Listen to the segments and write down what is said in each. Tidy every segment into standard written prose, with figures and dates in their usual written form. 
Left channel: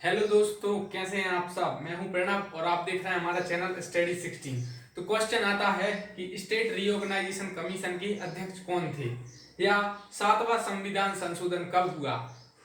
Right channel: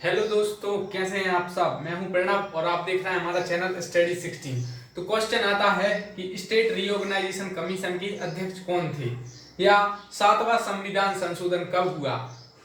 Hello दोस्तों, कैसे हैं आप सब। मैं हूं प्रणव और आप देख रहे हैं हमारा चैनल स्टडी 16। तो क्वेश्चन आता है कि स्टेट रीऑर्गेनाइजेशन कमीशन के अध्यक्ष कौन थे, या सातवां संविधान संशोधन कब हुआ।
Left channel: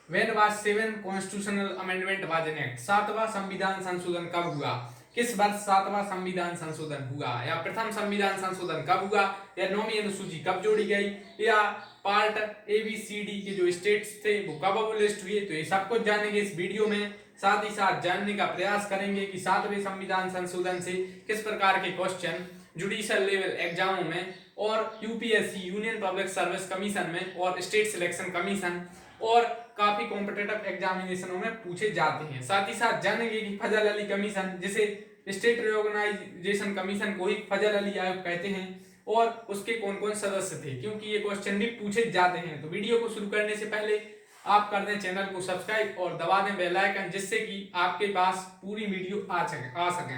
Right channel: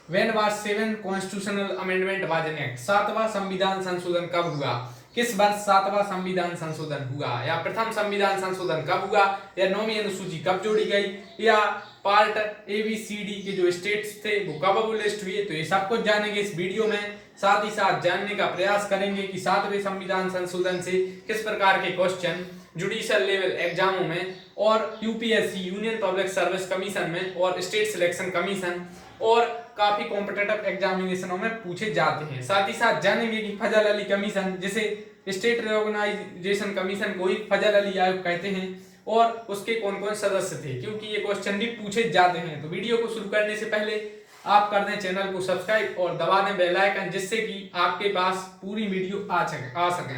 When was seven constitutional amendment was enact. सातवां संविधान संशोधन कब हुआ, किस वर्ष सातवां संविधान संशोधन हुआ, या प्रथम संविधान संशोधन कब हुआ, या नौवीं अनुसूची कब जोड़ी गई, या पार्ट ABCD के जो स्टेट्स थे वो कब अबोलिश्ड हुए। तो ये सब कुछ जानेंगे इस वीडियो में। साथ ही साथ जानने का प्रयास करेंगे कि सातवें संविधान संशोधन से किस प्रकार के क्वेश्चन जुडिशियल लेवल एग्जामों में और UPSC union public service commission में और स्टेट सिलेक्शन कमीशन और काफी कॉम्पिटिटिव एग्जामिनेशनों में पूछे जाते हैं। साथ ही साथ जानेंगे कि फजल अली कमीशन, जिसे स्टेट रिऑर्गेनाइजेशन कमीशन को ही फजल अली आयोग कहते हैं, और उसके कौन कौन सदस्य थे, क्योंकि ये क्वेश्चन भी पूछे जाते हैं। तो वीडियो को शुरू करने से पहले आप कर दें चैनल को सब्सक्राइब और दबा दें बेल आइकन, जिससे कि आपके पास पूरी वीडियो आ सकें।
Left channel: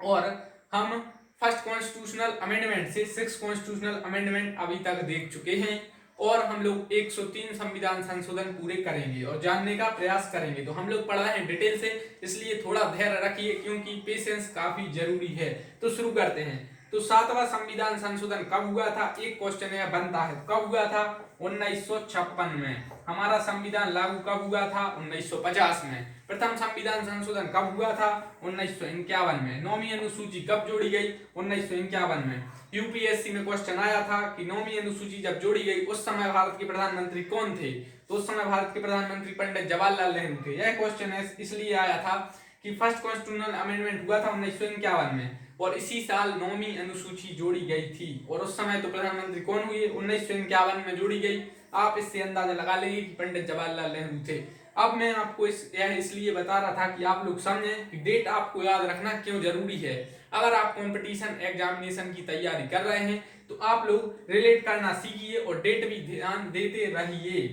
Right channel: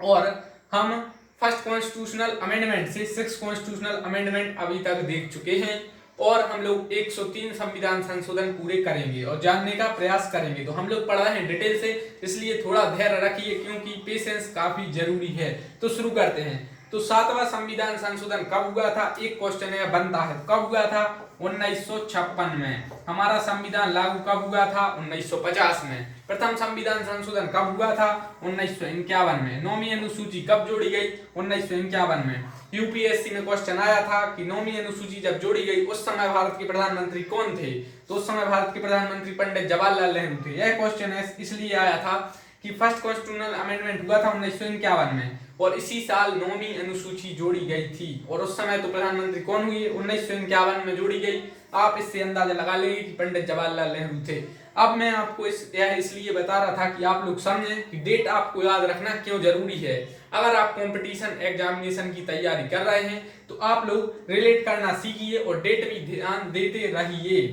और हम फर्स्ट कॉन्स्टिट्यूशनल अमेंडमेंट से सिक्स कॉन्स्टिट्यूशनल अमेंडमेंट अभी तक देख चुके हैं, और हम लोग 103 संविधान संशोधन पूरे करेंगे और जानने का प्रयास करेंगे। तो हम लोग पढ़ रहे हैं डिटेल से, इसलिए थोड़ा धैर्य रखिए, क्योंकि पेशेंस काफी जरूरी है। तो शुरू करते हैं। तो सातवां संविधान संशोधन कब हुआ था, एक क्वेश्चन है बनता है, कब हुआ था। 1956 में। हमारा संविधान लागू कब हुआ था, 1950 में। प्रथम संविधान संशोधन कब हुआ था, 1951 में। नौवीं अनुसूची कब जोड़ी गई, 1951 में। यूपीएससी में क्वेश्चन आया था कि नौवीं अनुसूची जब जोड़ी गई उस समय भारत के प्रधानमंत्री कौन थे, तो उस समय भारत के प्रधानमंत्री पंडित जवाहरलाल नेहरू थे। यह क्वेश्चन है इसलिए आया था कि फर्स्ट कॉन्स्टिट्यूशनल अमेंडमेंट हुआ था 1951 में, और इसी साल नौवीं अनुसूची जोड़ी गई थी। और उस समय तो प्रधानमंत्री कौन हुए, 1951 में जोड़ी गई। आप इससे अंदाजा लगा लेंगे कि पंडित जवाहरलाल नेहरू थे। अब मैं आपको यह इसलिए बता रहा था कि आप लोग समझें कि डेट आपको याद रखना क्यों जरूरी है। अगर आप कंपटीशन एग्जामिनेशन की तैयारी कर रहे हैं तो आप लोग रिलेट करना सीखिए और डेट भी ध्यान देते रहिए।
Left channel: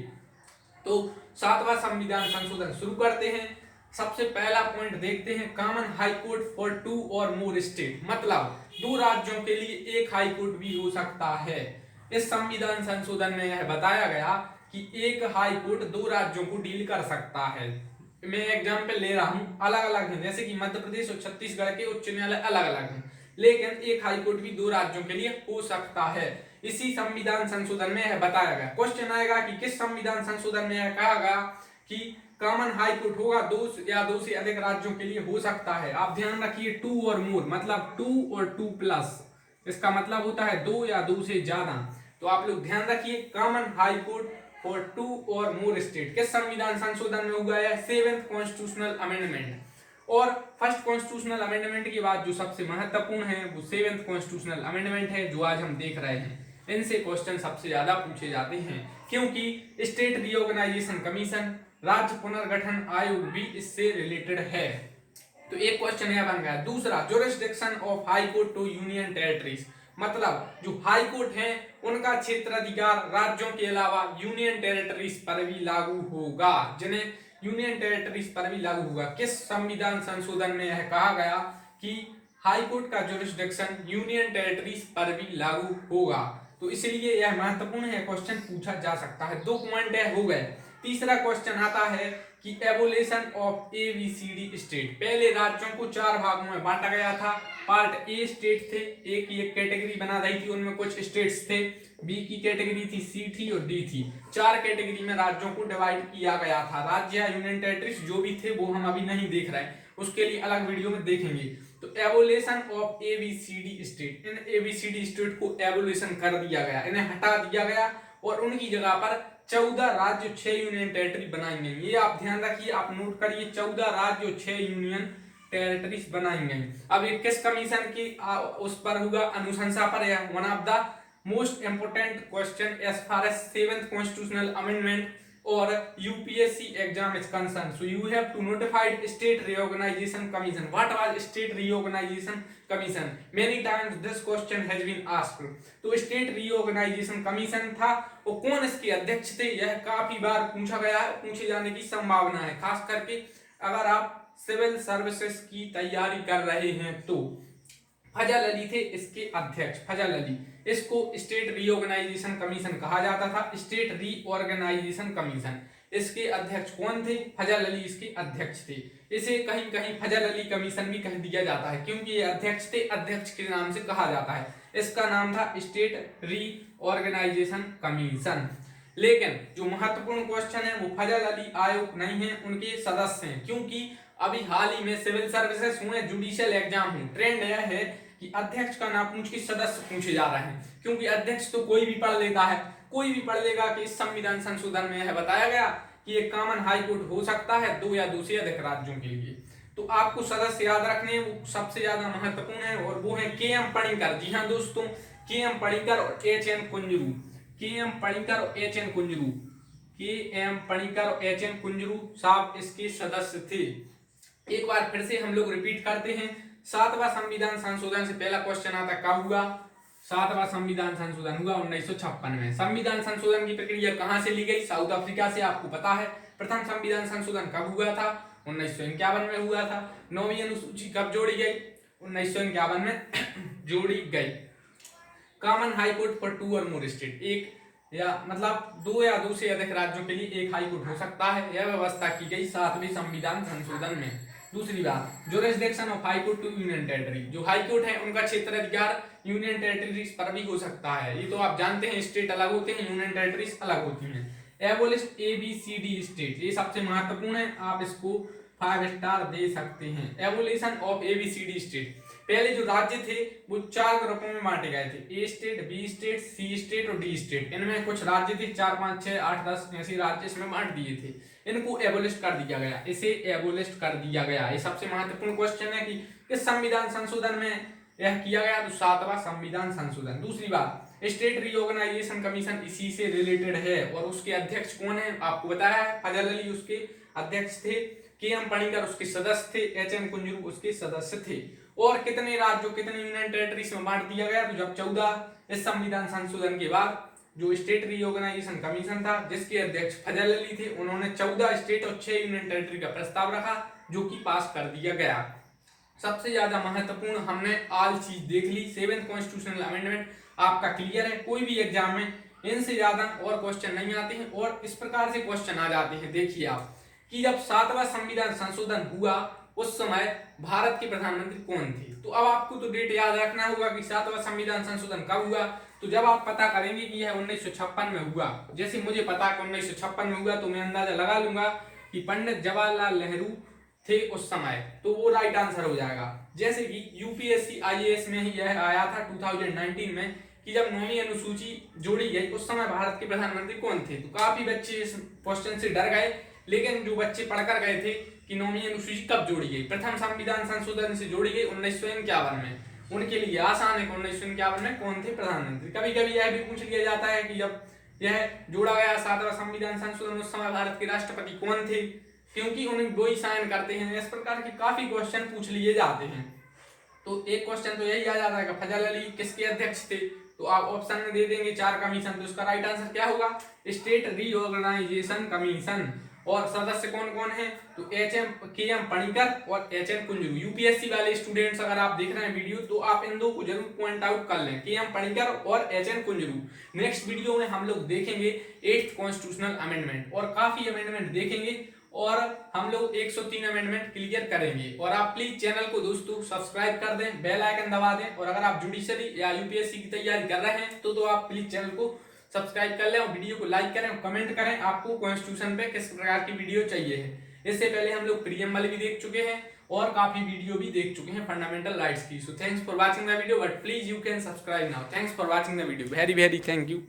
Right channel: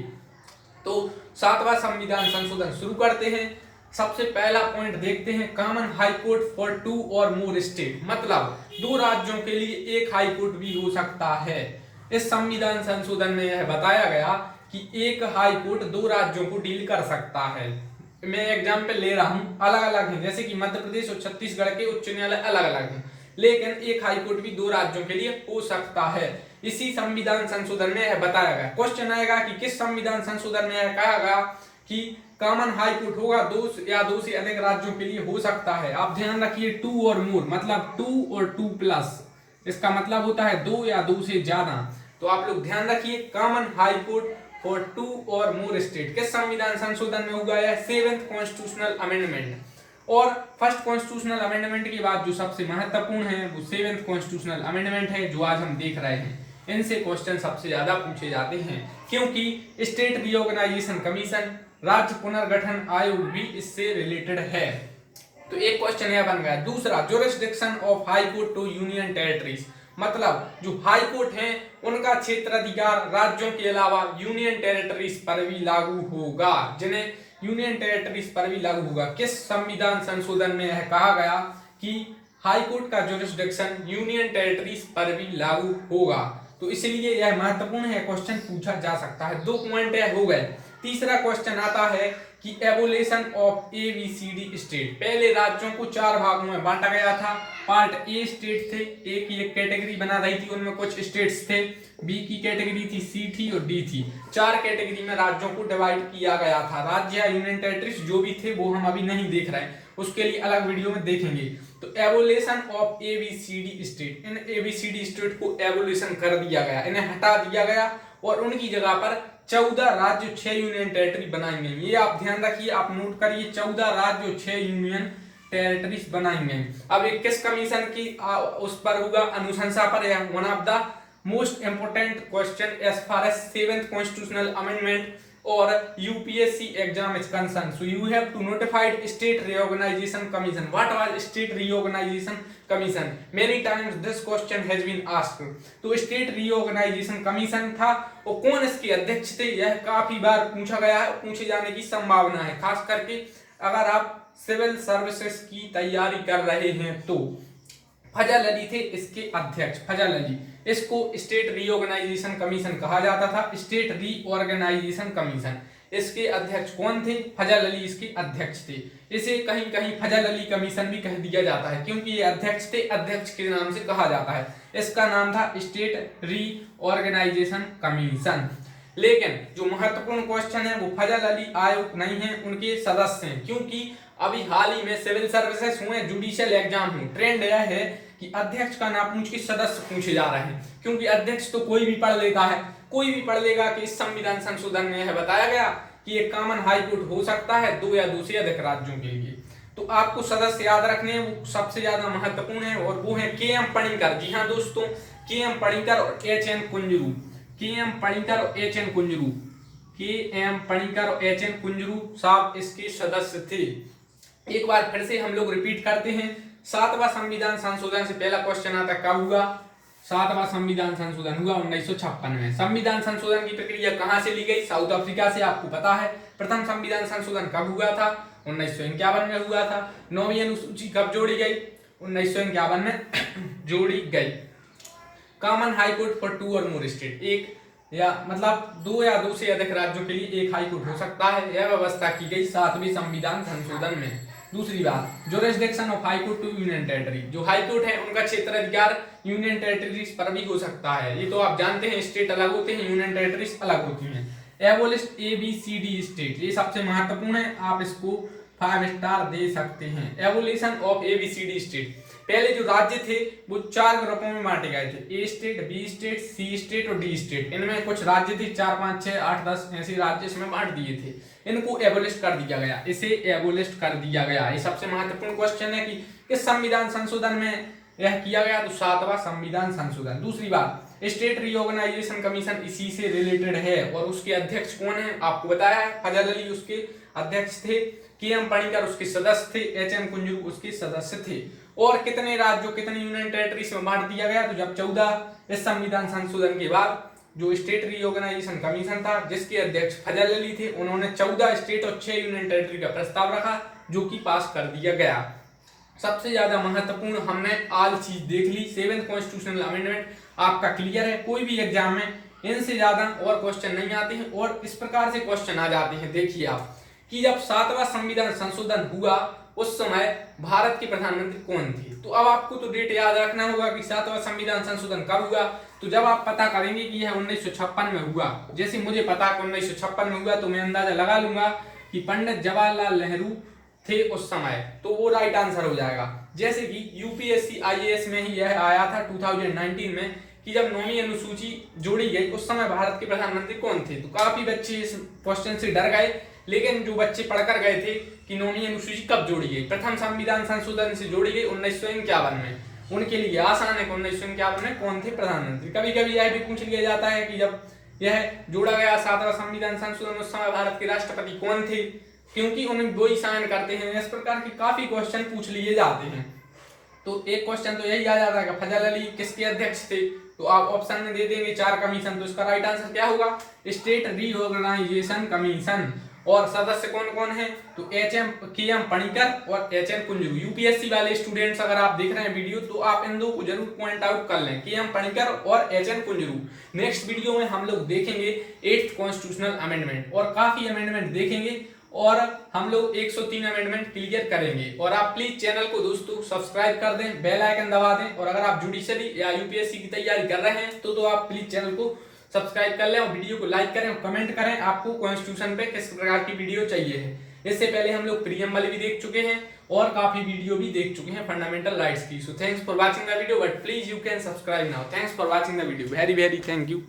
तो सातवां संविधान संशोधन शुरू करते हैं। सबसे पहला पॉइंट देखते हैं, common high court for two और मोर स्टेट, मतलब दो राज्यों के लिए एक हाई कोर्ट भी हो सकता है। इस संविधान संशोधन में यह बताया गया कि एक हाई कोर्ट दो राज्यों को डील कर सकता है। मैं एग्जाम्पल ले रहा हूं, अलग अलग है, जैसे कि मध्य प्रदेश और छत्तीसगढ़ के उच्च न्यायालय अलग अलग हैं, लेकिन एक हाई कोर्ट भी दो राज्यों के लिए हो सकता है। इसी संविधान संशोधन में यह बताया गया। क्वेश्चन आएगा कि किस संविधान संशोधन में यह कहा गया कि कॉमन हाई कोर्ट होगा दो या दो से अधिक राज्यों के लिए हो सकता है। आप ध्यान रखिए, टू और मोर मतलब टू और टू प्लस, इसका मतलब होता है दो या दो से ज्यादा। तो आप लोग ध्यान रखिए, common high court for two और मोर स्टेट किस संविधान संशोधन में हुआ है, सेवेंथ कॉन्स्टिट्यूशनल अमेंडमेंट। और फर्स्ट कॉन्स्टिट्यूशनल अमेंडमेंट के बाद जो सबसे महत्वपूर्ण है वो सेवेंथ कॉन्स्टिट्यूशनल अमेंडमेंट है, जो आज हम देख रहे हैं। इनसे क्वेश्चन सबसे ज्यादा पूछे जाते हैं, क्योंकि स्टेट रीऑर्गेनाइजेशन कमीशन, राज्य पुनर्गठन आयोग भी इससे रिलेटेड है। तो एक क्वेश्चन यह बन गया। दूसरा, jurisdiction of high court to union territories, मतलब जो हाई कोर्ट हैं उनका क्षेत्राधिकार राज्यों के अलावा यूनियन टेरिटरीज पर भी लागू होगा, जिन्हें यूनियन टेरिटरीज पर भी लागू होगा। किस संविधान संशोधन में यह कहा गया कि हाई कोर्ट का जुरिस्डिक्शन यूनियन टेरिटरीज पर भी लागू होगा। तो इसलिए यह महत्वपूर्ण है, क्वेश्चन पूछा जा सकता है। दो पॉइंट हो गए। तीसरा क्वेश्चन आता है कि एबोलिशन ऑफ ABCD स्टेट। पहले राज्यों को चार भागों में बांटा गया था। पार्ट ए स्टेट थे, ए की एक कैटेगरी बना रही थी, उनमें कुछ स्टेट्स थे। बी की कैटेगरी थी, सी थी और डी थी। चार कैटेगरी में राज्यों को डिवाइड किया गया था। राज्य या यूनियन टेरिटरीज जो भी थे वो हम अभी नहीं देख रहे हैं, उसके लिए अलग वीडियो में देखेंगे। तो abolition of ABCD state, in ABCD state को एबोलिशन कर दिया गया, इन्हें हटा दिया गया और उनकी जगह पर 14 राज्य 6 यूनियन टेरिटरी बनाई गई। ये आप ध्यान रखिए, आप नोट करिए, 14 राज्य और 6 यूनियन टेरिटरीज बनाई गई। अब ये किस कमीशन की उस पर होगा, अनुशंसा पर। One of the most important question as far as seventh constitutional amendment or UPSC exam is concerned. So you have to notify State Reorganization Commission. What was State Reorganization Commission? Many times this question has been asked. तो State Reorganization Commission था, और कौन इसके अध्यक्ष थे यह काफी बार पूछा गया है, पूछे जाने की संभावना है, खास करके अगर आप सिविल सर्विसेज की तैयारी कर रहे हैं तो। फजल अली थे इसके अध्यक्ष, फजल अली। इसको स्टेट रीऑर्गेनाइजेशन कमीशन कहा जाता था, स्टेट रीऑर्गेनाइजेशन कमीशन। इसके अध्यक्ष कौन थे? फजल अली इसके अध्यक्ष थे। इसे कहीं कहीं फजल अली कमीशन भी कह दिया जाता है क्योंकि ये अध्यक्ष थे, अध्यक्ष के नाम से कहा जाता है। इसका नाम था स्टेट रीऑर्गेनाइजेशन कमीशन। लेकिन जो महत्वपूर्ण क्वेश्चन है वो फजल अली आयोग नहीं है, उनके सदस्य हैं, क्योंकि अभी हाल ही में सिविल सर्विसेज हुए, जुडिशियल एग्जाम हुए, ट्रेंड यह है कि अध्यक्ष का ना पूछ के सदस्य पूछे जा रहे हैं, क्योंकि अध्यक्ष तो कोई भी पढ़ लेता है, कोई भी पढ़ लेगा कि इस संविधान संशोधन में यह बताया गया कि एक कॉमन हाई कोर्ट हो सकता है 2 या 2 से अधिक राज्यों के लिए। तो आपको सदस्य याद रखने हैं, वो सबसे ज्यादा महत्वपूर्ण है, और वो है के एम पणिकर। जी हाँ दोस्तों, के एम पणिकर और एच एन कुंजरू, के एम पणिकर और एच एन कुंजरू, के एम पणिकर और एच एन कुंजरू साहब इसके सदस्य थे। एक बार फिर से हम लोग रिपीट करते हैं, 7वां संविधान संशोधन से पहला क्वेश्चन आता है कब हुआ? 7वां संविधान संशोधन हुआ 1956 में। संविधान संशोधन की प्रक्रिया कहां से ली गई? साउथ अफ्रीका से, आपको पता है। प्रथम संविधान संशोधन कब हुआ था? 1951 में हुआ था। 9वीं अनुसूची कब जोड़ी गई? 1951 में जोड़ी गई। कॉमन हाई कोर्ट फॉर 2 और मोर स्टेट, एक या मतलब 2 या 2 से अधिक राज्यों के लिए एक हाई कोर्ट हो सकता है, यह व्यवस्था की गई 7वें संविधान संशोधन में। दूसरी बात, jurisdiction of high court to union territory, जो हाई कोर्ट है उनका क्षेत्राधिकार यूनियन टेरिटरीज पर भी हो सकता है। ये तो आप जानते हैं, स्टेट अलग होते हैं, यूनियन टेरिटरीज अलग होती हैं। एबोलिस्ट ABCD स्टेट, ये सबसे महत्वपूर्ण है, आप इसको 5 स्टार दे सकते हैं। एबोलिशन ऑफ ABCD स्टेट, पहले जो राज्य थे वो 4 ग्रुपों में बांटे गए थे, A state, B state, C state और D स्टेट। इनमें कुछ राज्य थे 4, 5, 6, 8, 10 ऐसे राज्य इसमें बांट दिए थे, इनको एबोलिस्ट कर दिया गया, इसे एबोलिस्ट कर दिया गया। ये सबसे महत्वपूर्ण क्वेश्चन है कि किस संविधान संशोधन में यह किया गया, तो 7वां संविधान संशोधन। दूसरी बात, स्टेट रीऑर्गेनाइजेशन कमीशन इसी से रिलेटेड है, और उसके अध्यक्ष कौन है आपको बताया है, फजल अली उसके अध्यक्ष थे, के एम पणिकर उसके सदस्य थे, एच एन कुंजरू उसके सदस्य थे। और कितने राज्यों, कितने यूनियन टेरिटरीज में बांट दिया गया, तो जब 14 इस संविधान संशोधन के बाद जो स्टेट रीऑर्गेनाइजेशन कमीशन था, जिसके अध्यक्ष फजल अली थे, उन्होंने 14 स्टेट और 6 यूनियन टेरिटरी का प्रस्ताव रखा, जो कि पास कर दिया गया। सबसे ज्यादा महत्वपूर्ण हमने आल चीज देख ली। 7th कॉन्स्टिट्यूशनल अमेंडमेंट आपका क्लियर है, कोई भी एग्जाम में इनसे ज्यादा और क्वेश्चन नहीं आते हैं, और इस प्रकार से क्वेश्चन आ जाते हैं। देखिए आप कि जब 7वां संविधान संशोधन हुआ उस समय भारत के प्रधानमंत्री कौन थे, तो अब आपको तो डेट याद रखना होगा कि 7वां संविधान संशोधन कब हुआ। तो जब आप पता करेंगे कि यह 1956 में हुआ, जैसे मुझे पता है 1956 में हुआ, तो मैं अंदाजा लगा लूंगा कि पंडित जवाहरलाल नेहरू थे उस समय, तो वो राइट आंसर हो जाएगा। जैसे कि UPSC IAS में ही यह आया था 2019 में कि जब 9वीं अनुसूची जोड़ी गई उस समय भारत के प्रधानमंत्री कौन थे। तो काफी बच्चे इस क्वेश्चन से डर गए, लेकिन जो बच्चे पढ़कर गए थे कि 9वीं अनुसूची कब जोड़ी गई, प्रथम संविधान संशोधन से जोड़ी गई 1951 में, उनके लिए आसान है कि 1951 में कौन थे प्रधानमंत्री। कभी कभी यह भी पूछ लिया जाता है कि जब यह जोड़ा गया 7वां संविधान संशोधन उस समय भारत के राष्ट्रपति कौन थे, क्योंकि उन्हें वो ही साइन करते हैं। इस प्रकार के काफी क्वेश्चन पूछ लिए जाते हैं। तो एक क्वेश्चन तो यही आ जाता है कि फजल अली किसके अध्यक्ष थे, तो आप ऑप्शन में दे देंगे 4 कमीशन, तो इसका राइट आंसर क्या होगा, स्टेट रीऑर्गेनाइजेशन कमीशन। और सदस्य कौन कौन है, तो के एम पणिकर और एच एन कुंजरू। UPSC वाले स्टूडेंट्स अगर आप देख रहे हैं वीडियो, तो आप इन दो को जरूर पॉइंट आउट कर लें, के एम पणिकर और H N Kunzru. Next video में हम लोग देखेंगे 8th कॉन्स्टिट्यूशनल अमेंडमेंट, और काफी अमेंडमेंट देखेंगे, और हम लोग 103 अमेंडमेंट क्लियर करेंगे। और आप प्लीज चैनल को दोस्तों सब्सक्राइब कर दें, बेल आइकन दबा दें, और अगर आप जुडिशरी या UPSC की तैयारी कर रहे हैं तो आप प्लीज चैनल को सब्सक्राइब कर लें, और वीडियो को लाइक करें और कमेंट करें आपको कॉन्स्टिट्यूशन पे किस प्रकार की वीडियो चाहिए है। इससे पहले हम लोग प्रीएम्बल भी देख चुके हैं और काफी वीडियो भी देख चुके हैं फंडामेंटल राइट्स की। So thanks for watching the video, but please you can subscribe now. Thanks for watching the video, very very thank you.